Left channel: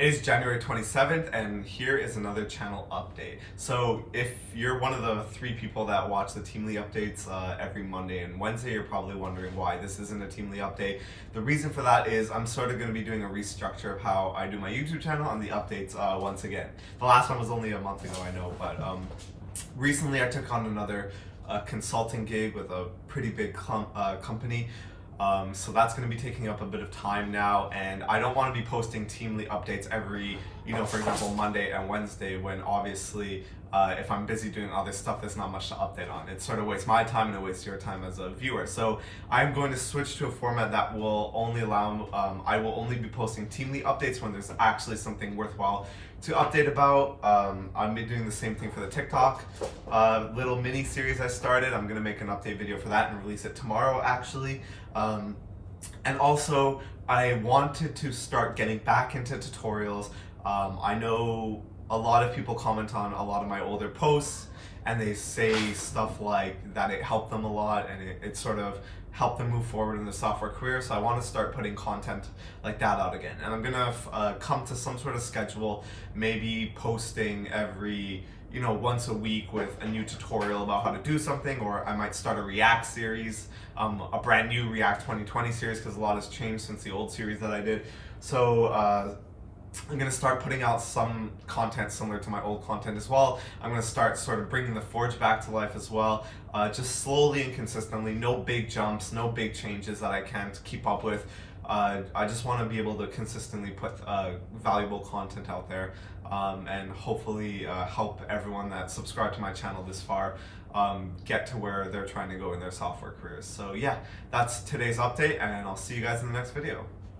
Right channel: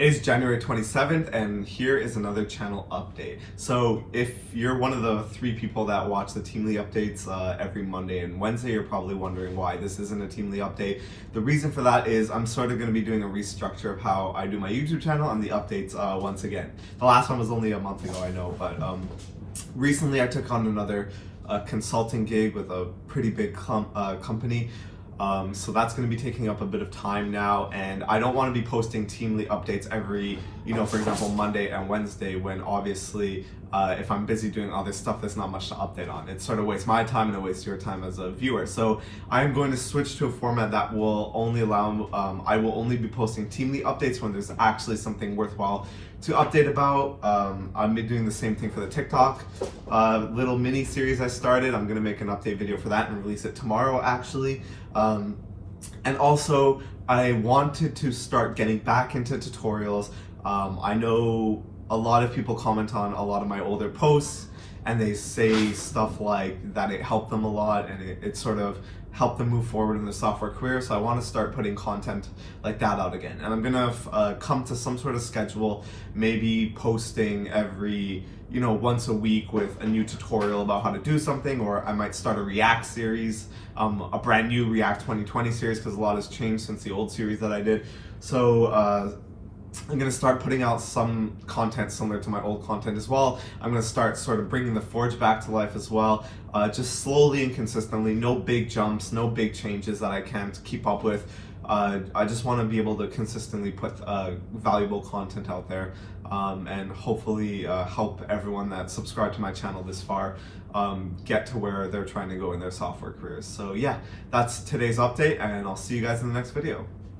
It is January 27th, and here is another channel update. So if you're one of the 3 people that watch the Teamly updates every Monday and Wednesday, you're probably wondering why this isn't a Teamly update. The reason for that is I'm sort of going to be doing a restructure of how I do my YouTube channel and the updates once again. The last one was only a month ago, I know, but recently I took on another consulting gig with a pretty big company. So that's going to be taking up a bit of time now, and I don't want to be posting Teamly updates every, for example, Monday and Wednesday, when obviously if I'm busy doing other stuff, there's not much to update on. It sort of wastes my time and it wastes your time as a viewer. So I'm going to switch to a format that will only allow, I will only be posting Teamly updates when there's actually something worthwhile to update about. I've been doing the same thing for the TikTok little mini series I started. I'm gonna make an update video for that and release it tomorrow, actually. And also, I wanted to start getting back into tutorials. I know a lot of people comment on a lot of my older posts, and they say stuff like that it helped them a lot and it sort of helped them move forward in their software career. So I want to start putting content like that out again, and I'm gonna come to some sort of schedule, maybe posting every once a week with a new tutorial about how to do something, or I might start a React series, a brand new React 2020 series, because a lot has changed since the old series that I did. So I'm going to start putting out some content similar to my old content as well. I'm going to start sort of bringing the Forge back to life as well, just slowly and consistently. No big jumps, no big changes that I can't keep up with. I just want to be able to consistently put valuable content out there, and hopefully help everyone that subscribed to my channel this far get to where they're trying to go in their software careers. So yeah, that's today's update, and I'll see you guys in the next video.